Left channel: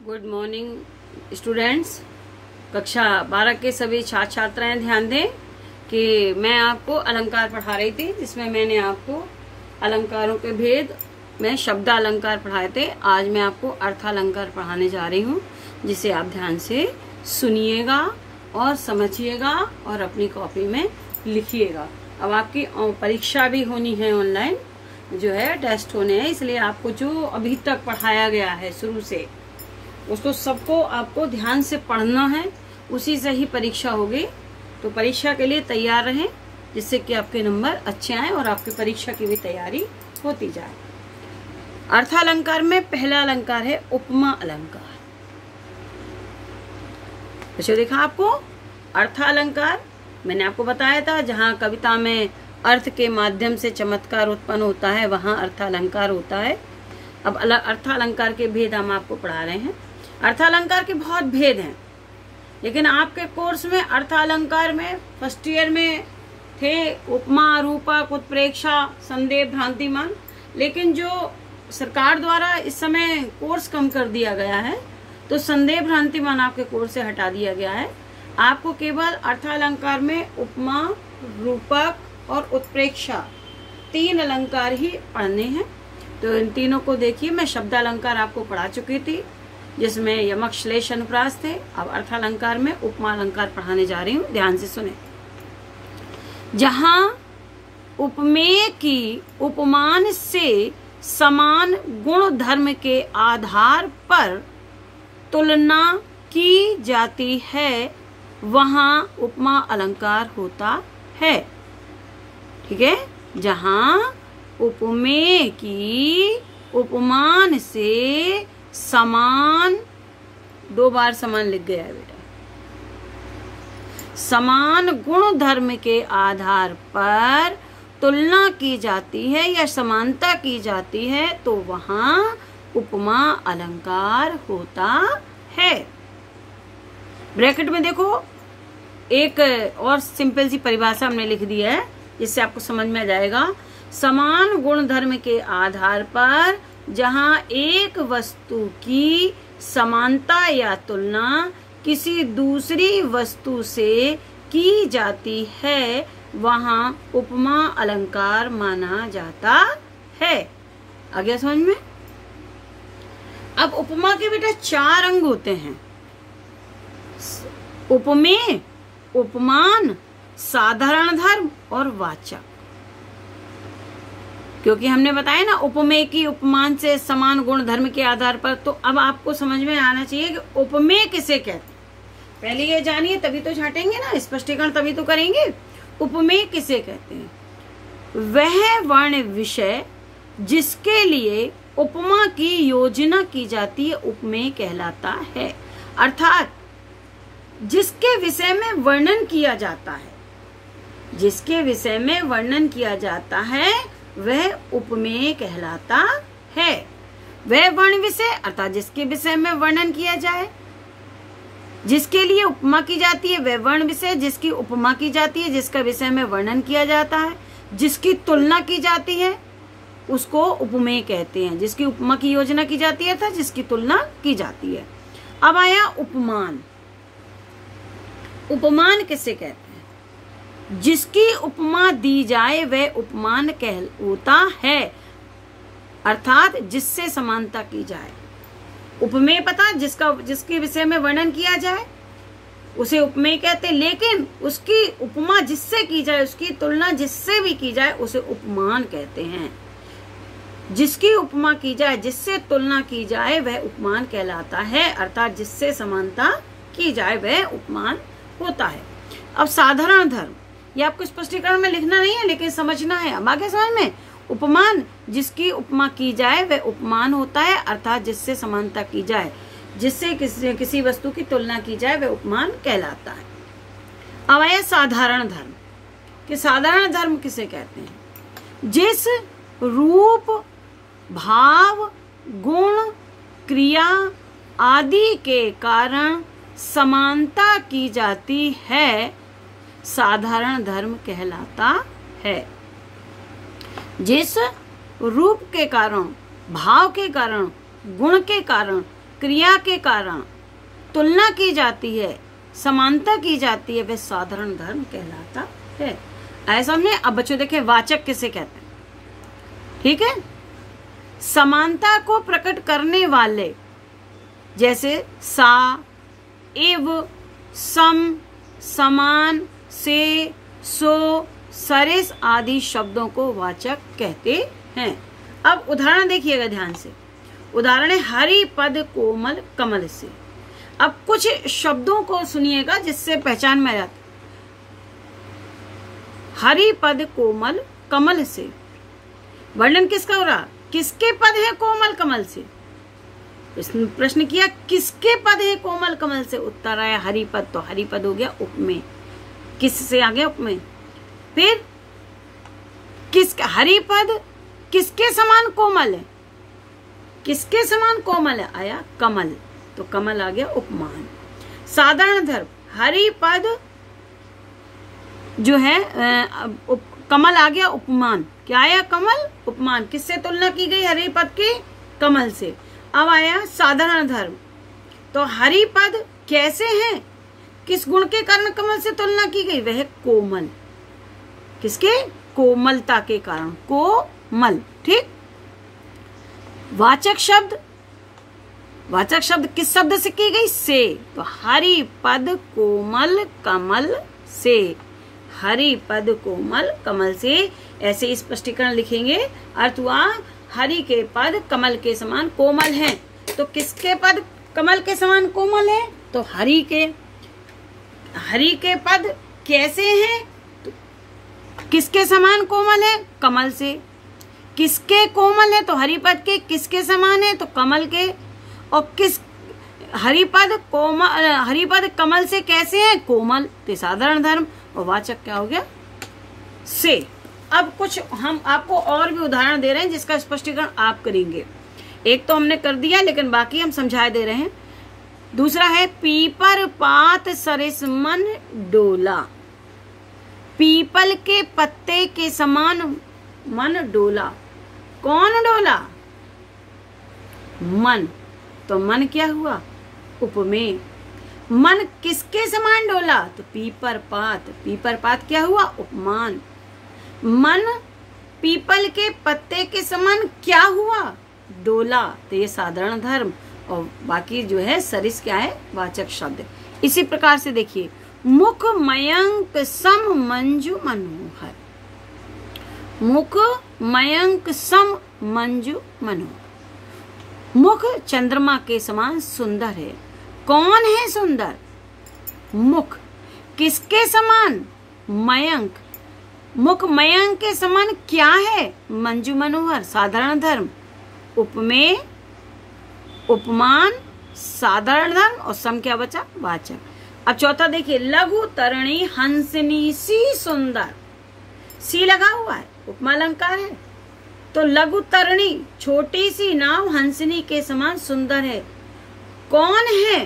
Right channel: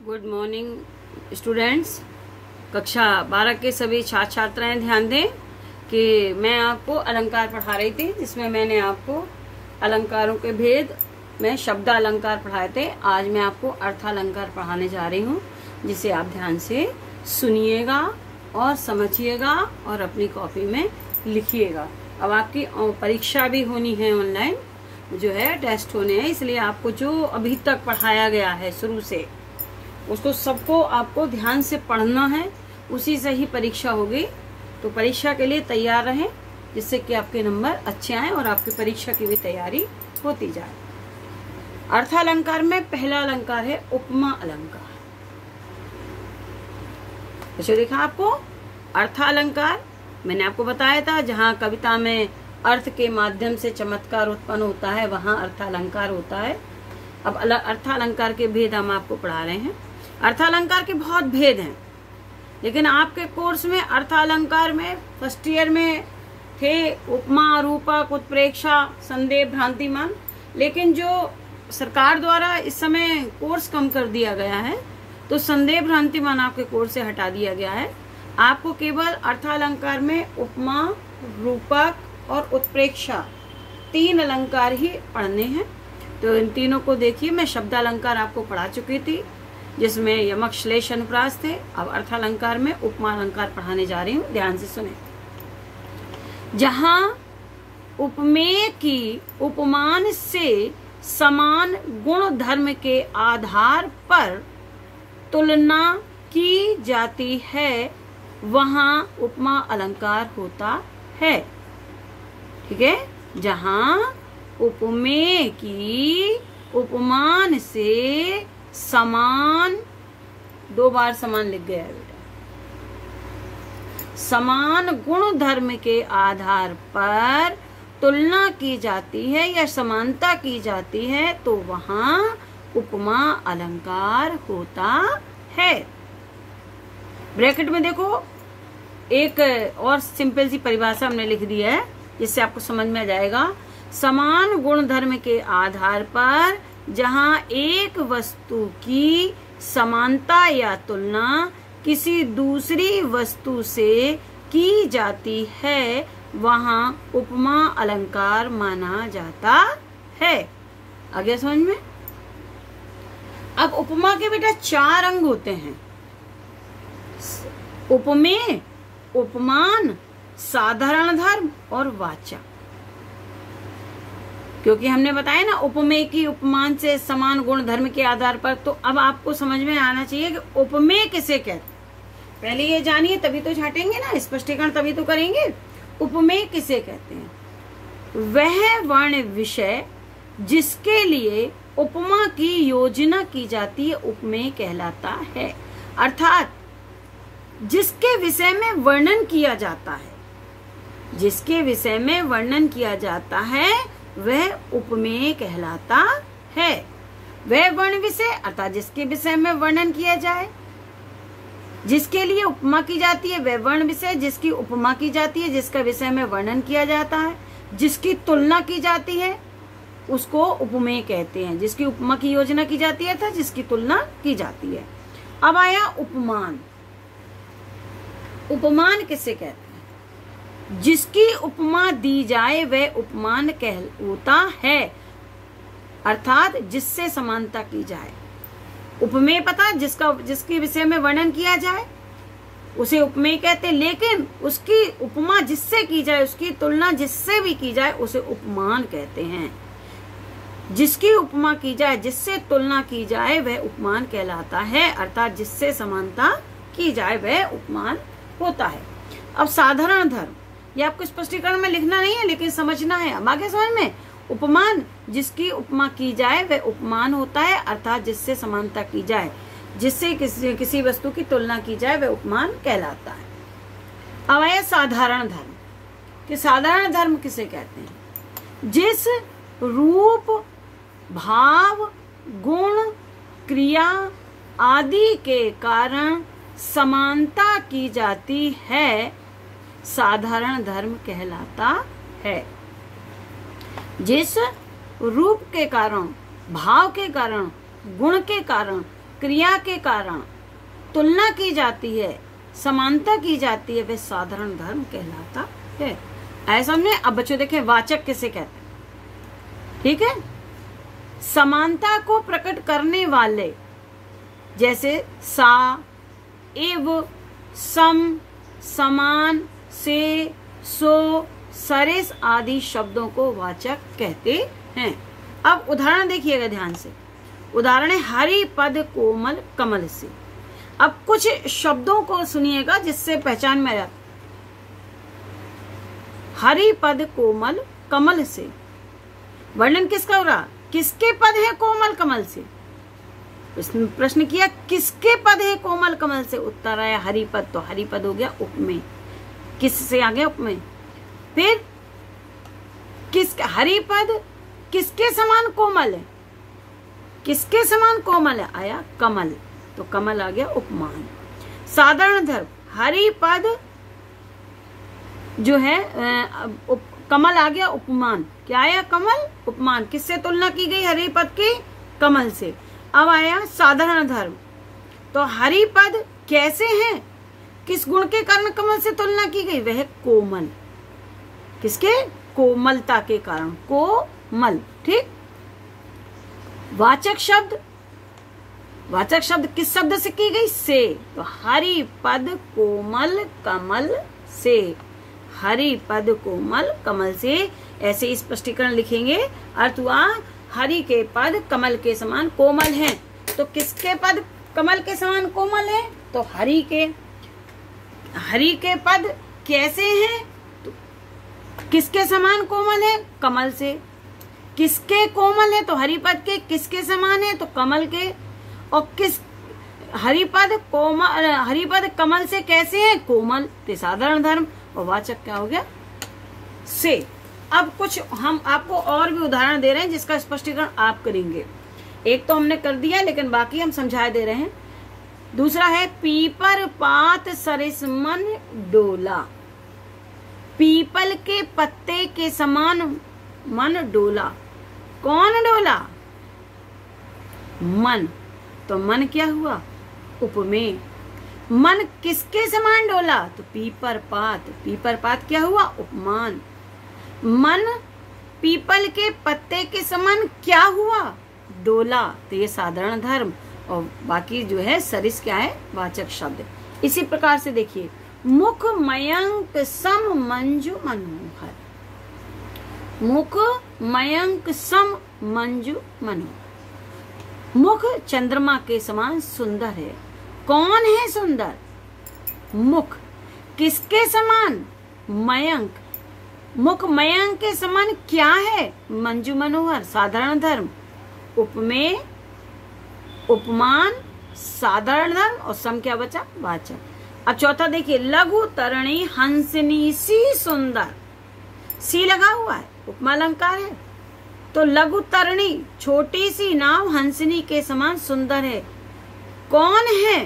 Good morning students. कक्षा 12 के सभी छात्र छात्राएं ध्यान दें कि मैं आपको अलंकार पढ़ा रही थी, जिसमें मैंने आपको अलंकारों के भेद में शब्द अलंकार पढ़ाए थे। आज मैं आपको अर्थालंकार पढ़ाने जा रही हूँ, जिसे आप ध्यान से सुनिएगा और समझिएगा और अपनी कॉपी में लिखिएगा। अब आपकी परीक्षा भी होनी है, ऑनलाइन जो है टेस्ट होने हैं, इसलिए आपको जो अभी तक पढ़ाया गया है शुरू से उसको सबको आपको ध्यान से पढ़ना है, उसी से ही परीक्षा होगी। तो परीक्षा के लिए तैयार रहें, जिससे कि आपके नंबर अच्छे आए और आपकी परीक्षा की भी तैयारी होती जाए। अर्थालंकार में पहला अलंकार है उपमा अलंकार। तो देखा आपको अर्थालंकार मैंने आपको बताया था, जहाँ कविता में अर्थ के माध्यम से चमत्कार उत्पन्न होता है वहां अर्थालंकार होता है। अब अर्थालंकार के भेद हम आपको पढ़ा रहे हैं। अर्थालंकार के बहुत भेद हैं, लेकिन आपके कोर्स में अर्थालंकार में फर्स्ट ईयर में थे उपमा, रूपक, उत्प्रेक्षा, संदेह, भ्रांतिमान। लेकिन जो सरकार द्वारा इस समय कोर्स कम कर दिया गया है, तो संदेह भ्रांतिमान आपके कोर्स से हटा दिया गया है। आपको केवल अर्थालंकार में उपमा, रूपक और उत्प्रेक्षा 3 अलंकार ही पढ़ने हैं। तो इन तीनों को देखिए, मैं शब्द अलंकार आपको पढ़ा चुकी थी, जिसमें यमक, श्लेष, अनुप्रास थे। अब अर्थालंकार में उपमा अलंकार पढ़ाने जा रही हूँ, ध्यान से सुने। जहाँ उपमेय की उपमान से समान गुण धर्म के आधार पर तुलना की जाती है, वहां उपमा अलंकार होता है। ठीक है, जहां उपमेय की उपमान से समान, 2 बार समान लिख गया है बेटा, समान गुण धर्म के आधार पर तुलना की जाती है या समानता की जाती है, तो वहां उपमा अलंकार होता है। ब्रैकेट में देखो, एक और सिंपल सी परिभाषा हमने लिख दी है, जिससे आपको समझ में आ जाएगा। समान गुण धर्म के आधार पर जहां एक वस्तु की समानता या तुलना किसी दूसरी वस्तु से की जाती है, वहां उपमा अलंकार माना जाता है। आगे समझ में। अब उपमा के बेटा 4 अंग होते हैं: उपमेय, उपमान, साधारण धर्म और वाचक। क्योंकि हमने बताया ना उपमेय की उपमान से समान गुण धर्म के आधार पर, तो अब आपको समझ में आना चाहिए कि उपमेय किसे कहते हैं। पहले ये जानिए, तभी तो छाटेंगे ना, स्पष्टीकरण तभी तो करेंगे। उपमेय किसे कहते हैं? वह वर्ण विषय जिसके लिए उपमा की योजना की जाती है, उपमेय कहलाता है। अर्थात जिसके विषय में वर्णन किया जाता है, जिसके विषय में वर्णन किया जाता है, वह उपमेय कहलाता है। वह वर्ण विषय अर्थात जिसके विषय में वर्णन किया जाए, जिसके लिए उपमा की जाती है, वह वर्ण विषय जिसकी उपमा की जाती है, जिसका विषय में वर्णन किया जाता है, जिसकी तुलना की जाती है, उसको उपमेय कहते हैं। जिसकी उपमा की योजना की जाती है था, जिसकी तुलना की जाती है। अब आया उपमान। उपमान किसे कहते हैं? जिसकी उपमा दी जाए वह उपमान कहलाता है, अर्थात जिससे समानता की जाए। उपमेय पता, जिसके विषय में वर्णन किया जाए उसे उपमेय कहते हैं, लेकिन उसकी उपमा जिससे की जाए, उसकी तुलना जिससे भी की जाए, उसे उपमान कहते हैं। जिसकी उपमा की जाए, जिससे तुलना की जाए, वह उपमान कहलाता है, अर्थात जिससे समानता की जाए वह उपमान होता है। अब साधारण धर्म, ये आपको स्पष्टीकरण में लिखना नहीं है, लेकिन समझना है। अब आगे समझ में। उपमान, जिसकी उपमा की जाए वह उपमान होता है, अर्थात जिससे समानता की जाए, जिससे किसी वस्तु की तुलना की जाए, वह उपमान कहलाता है। अब आया साधारण धर्म। कि साधारण धर्म किसे कहते हैं? जिस रूप, भाव, गुण, क्रिया आदि के कारण समानता की जाती है, साधारण धर्म कहलाता है। जिस रूप के कारण, भाव के कारण, गुण के कारण, क्रिया के कारण तुलना की जाती है, समानता की जाती है, वह साधारण धर्म कहलाता है। ऐसा नहीं। अब बच्चों देखें वाचक किसे कहते हैं, ठीक है। समानता को प्रकट करने वाले जैसे सा, एव, सम, समान, से, सो, सरिस आदि शब्दों को वाचक कहते हैं। अब उदाहरण देखिएगा ध्यान से। उदाहरण है हरि पद कोमल कमल से। अब कुछ शब्दों को सुनिएगा जिससे पहचान में आ जाता। हरि पद कोमल कमल से, वर्णन किसका हो रहा? किसके पद है कोमल कमल से? इसने प्रश्न किया किसके पद है कोमल कमल से? उत्तर आया हरिपद। तो हरिपद हो गया उपमेय। किस से आ गया? उपमेय। फिर किसका हरिपद किसके समान कोमल है? किसके समान कोमल है? आया कमल। तो कमल आ गया उपमान। साधारण धर्म हरिपद जो है कमल आ गया उपमान। क्या आया? कमल उपमान। किससे तुलना की गई? हरिपद के कमल से। अब आया साधारण धर्म। तो हरिपद कैसे हैं? किस गुण के कारण कमल से तुलना की गई? वह कोमल। किसके? कोमलता के कारण कोमल। ठीक। वाचक शब्द, वाचक शब्द किस शब्द से की गई? से। तो हरिपद कोमल कमल से। हरिपद कोमल कमल से। ऐसे स्पष्टीकरण लिखेंगे। अर्थ हुआ हरि के पद कमल के समान कोमल हैं। तो किसके पद कमल के समान कोमल है? तो हरि के पद कैसे हैं? तो किसके समान कोमल है? कमल से। किसके कोमल है? तो हरिपद के। किसके समान है? तो कमल के। और किस हरिपद कमल से कैसे है? कोमल। तो साधारण धर्म। और वाचक क्या हो गया? से। अब कुछ हम आपको और भी उदाहरण दे रहे हैं जिसका स्पष्टीकरण आप करेंगे। एक तो हमने कर दिया लेकिन बाकी हम समझा दे रहे हैं। दूसरा है पीपर पात सरिस मन डोला। पीपल के पत्ते के समान मन डोला। कौन डोला? मन। तो मन क्या हुआ? उपमेय। मन किसके समान डोला? तो पीपर पात। पीपर पात क्या हुआ? उपमान। मन पीपल के पत्ते के समान क्या हुआ? डोला। तो ये साधारण धर्म। और बाकी जो है सरिस क्या है? वाचक शब्द। इसी प्रकार से देखिए मुख मयंक सम मंजू मनोहर। मुख मयंक सम मंजू मनोहर। मुख चंद्रमा के समान सुंदर है। कौन है सुंदर? मुख। किसके समान? मयंक। मुख मयंक के समान क्या है? मंजू मनोहर। साधारण धर्म। उपमेय, उपमान, साधारण धर्म और सम क्या बचा? वाचक। अब चौथा देखिए लघु तरणी हंसनी सी सुंदर। सी लगा हुआ है, उपमा अलंकार है। तो लघु तरणी छोटी सी नाव हंसनी के समान सुंदर है। कौन है?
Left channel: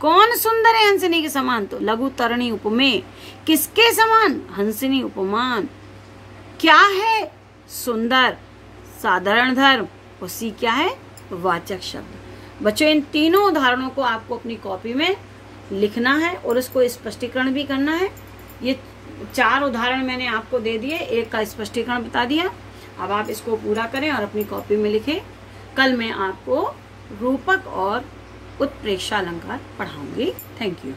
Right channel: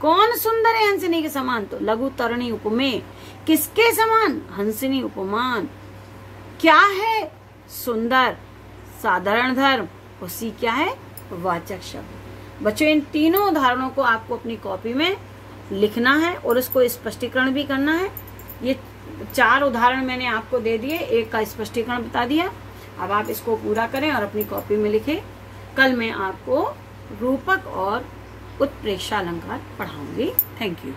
कौन सुंदर है हंसनी के समान? तो लघु तरणी उपमेय। किसके समान? हंसनी उपमान। क्या है? सुंदर। साधारण धर्म। और सी क्या है? वाचक शब्द। बच्चों इन तीनों उदाहरणों को आपको अपनी कॉपी में लिखना है और उसको स्पष्टीकरण भी करना है। ये 4 उदाहरण मैंने आपको दे दिए, एक का स्पष्टीकरण बता दिया। अब आप इसको पूरा करें और अपनी कॉपी में लिखें। कल मैं आपको रूपक और उत्प्रेक्षा अलंकार पढ़ाऊंगी। Thank you.